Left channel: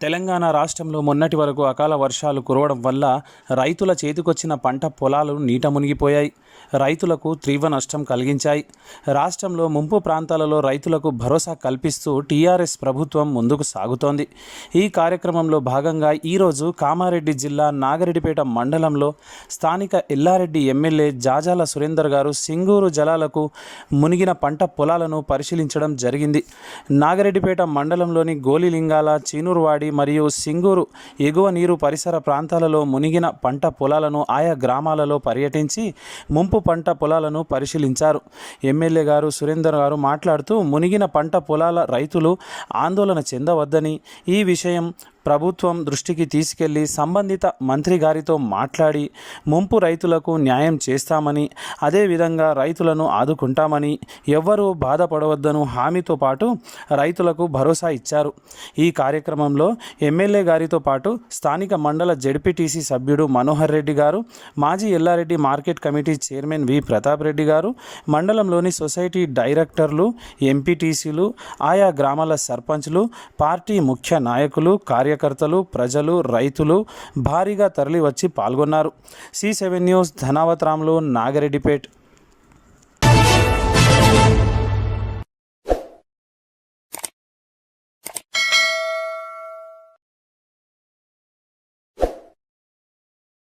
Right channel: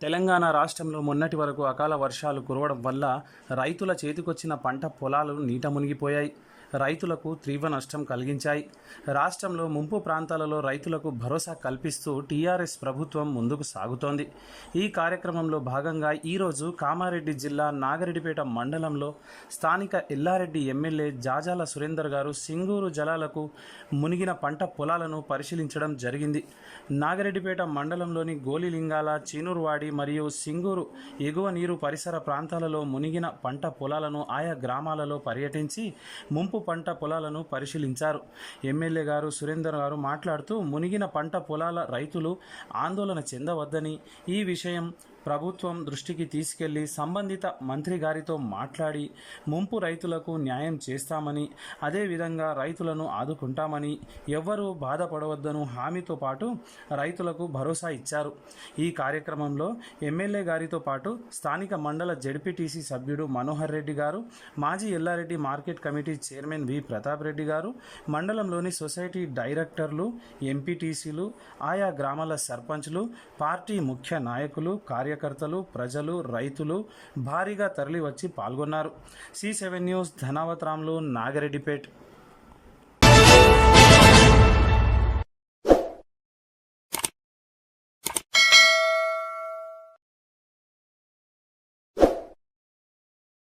తెలంగాణ రాష్ట్రంలో మొన్నటి వరకు అకాల వర్షాలు కురవడం వల్ల రైతుల చేతికొచ్చిన పంట పొలాలు నీట మునిగిపోయాయి. రైతులకు తీవ్ర నష్టం కలిగించాయి. రాష్ట్రంలో ముంపు ప్రాంతాలలో రైతులకు భరోసా కల్పిస్తూ టీఆర్ఎస్ ప్రభుత్వం ముందుకు సాగుతోంది. ఈ కార్యక్రమంలో భాగంగా ఈరోజు కామారెడ్డి జిల్లా నాగరెడ్డిపేట మండలంలో స్థానిక ఎల్లారెడ్డి ఎమ్మెల్యే జాజాల సురేందర్ గారు సింగూరు జలాలకు మునిగిన పంట పొలాలను పరిశీలించడం జరిగింది. నాగరెడ్డిపేట మండలంలోని గోలిలింగాల, చీనూరువాడి మరియు సింగూరు ఎగువ నీరు పరిసర ప్రాంతాలలో మునిగిన పంట పొలాలను ఆయా గ్రామాలలో పర్యటించి ముంపు పంట పొలాలను పరిశీలించారు. ఎమ్మెల్యే గారు సురేందర్ గారు మాట్లాడుతూ మునిగిన పంట పొలాల రైతులు ఆందోళన చెందవద్దని, ఈ విషయం ప్రభుత్వం దృష్టికి తీసుకెళ్లి సంబంధిత మంత్రి గారితో మాట్లాడి ముంపు రైతులకు న్యాయం చేస్తామని, అదేవిధంగా రైతులను ఆదుకుంటామని, ఎవ్వరూ బాధపడవద్దను హామీతో పాటు రైతులకు భరోసా ఇచ్చారు. ఈ కార్యక్రమంలో ఎమ్మెల్యే గారితో పాటు స్థానిక మండల జెడ్పీటీసీ సభ్యుడు మనోహర్ రెడ్డి గారు, మాజీ ఎల్లారెడ్డి మార్కెట్ కమిటీ చైర్మన్ వి ప్రతాప్ రెడ్డి గారు, మండలంలోని సొసైటీ డైరెక్టర్లు, ఎంపీటీసీలు, ఆయా గ్రామాల సర్పంచ్లు, పార్టీ ముఖ్య నాయకులు, కార్యకర్తలు, ప్రజలు, రైతులు భారీగా తరలివచ్చి పాల్గొన్నారు. C7 news Dhanavath Ramulu, Nagareddypet.